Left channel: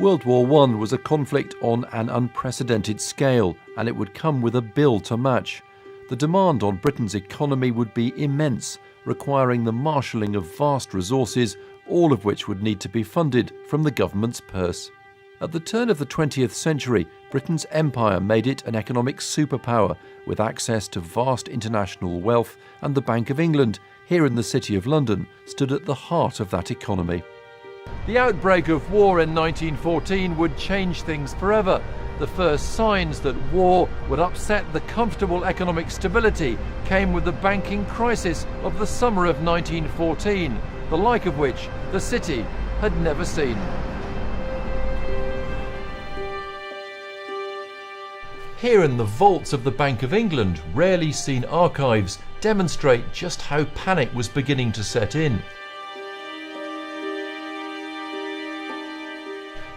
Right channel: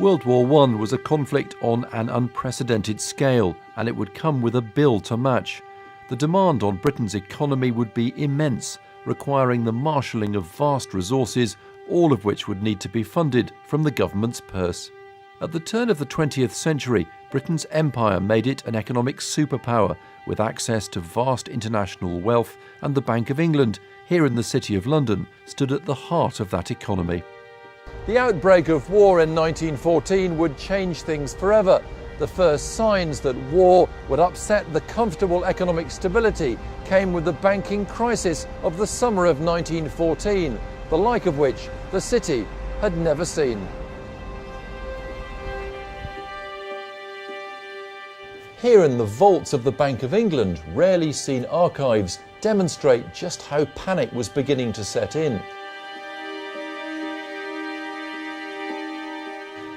World War I was a conflict on an unprecedented scale, and it would come with a bill to match. The demand on Britain's economy would be immense, requiring the marshalling of vast resources, all of which would need to be funded from the government's purse. At the turn of the 20th century, Britain's empire made it an economic superpower, with access to vast international wealth, and the Bank of England, here in the City of London, stood at the heart of that economy. The outbreak of war in 1914 would change things forever. The first signs that war would upset the comfortable economic stability came with the banking crisis of the summer of 1914, the like of which the city had never seen. Here in the vaults of the Bank of England, rarely seen archives demonstrate just how panic was beginning to set in.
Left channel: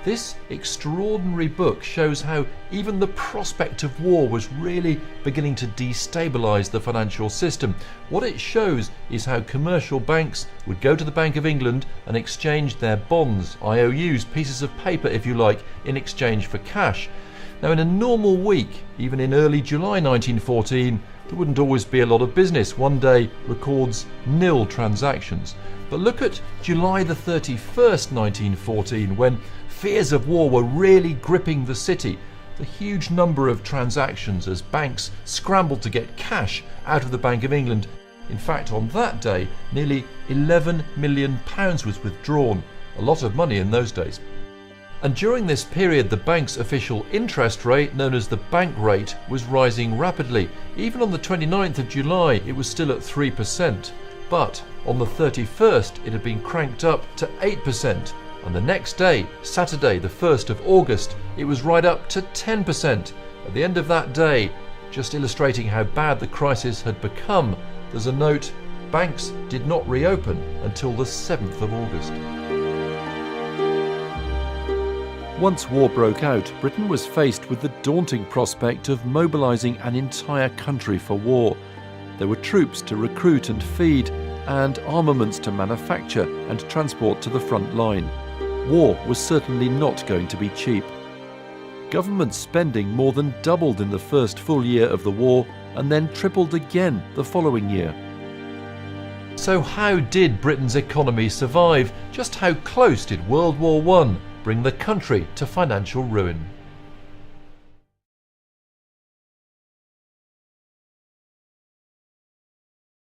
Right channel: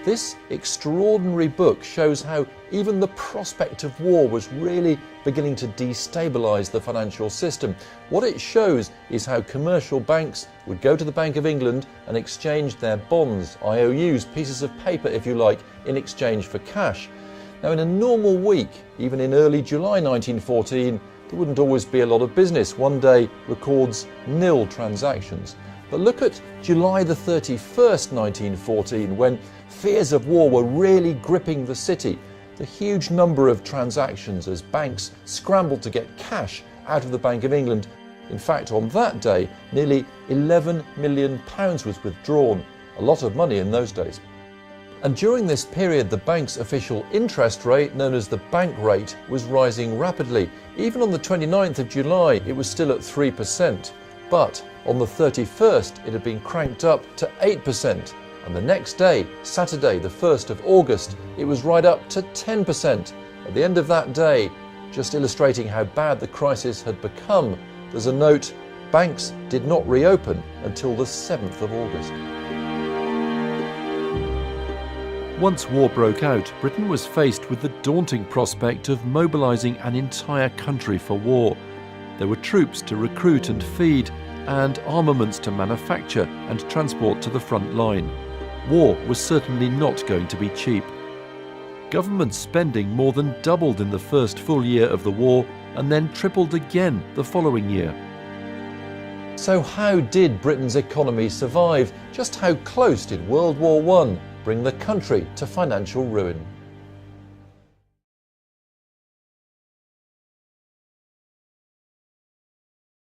This extraordinary book shows how even the prospect of war was really beginning to destabilise the financial system. What it shows is how commercial banks would go to the Bank of England and exchange their bonds, IOUs, pieces of paper if you like, in exchange for cash. Now in a normal week, even in early July 1914, there wouldn't always be a lot of business. One day records nil transactions. But look at July the 31st, 1914, when fears of war were really gripping the city. The huge number of transactions as banks scrambled to get cash out of the Bank of England. In fact, on that day, nearly £11 million was withdrawn. A lot of money in those days. And during this period, the bank's official interest rate, known as the bank rate, was rising rapidly. Even on the 29th of July, it was still at 3%. But on the 31st, it had been cranked up to 8%. And the next day, Saturday, the 1st of August, it was right up to 10%. At the end of that day, just illustrating how bad the crisis had become, there's a note: banks did not reopen until the 7th of August. Once war broke out, Britain was faced with the daunting prospect of mobilising an entire country for war. There were troops to recruit and feed, and armaments to manufacture and transport to the front line. War was certainly not going to be cheap. Government spending more than doubled in the first full year of the war, and then tripled again the following year. So how did Britain's economy survive? Just how close did World War I bring the country to financial ruin?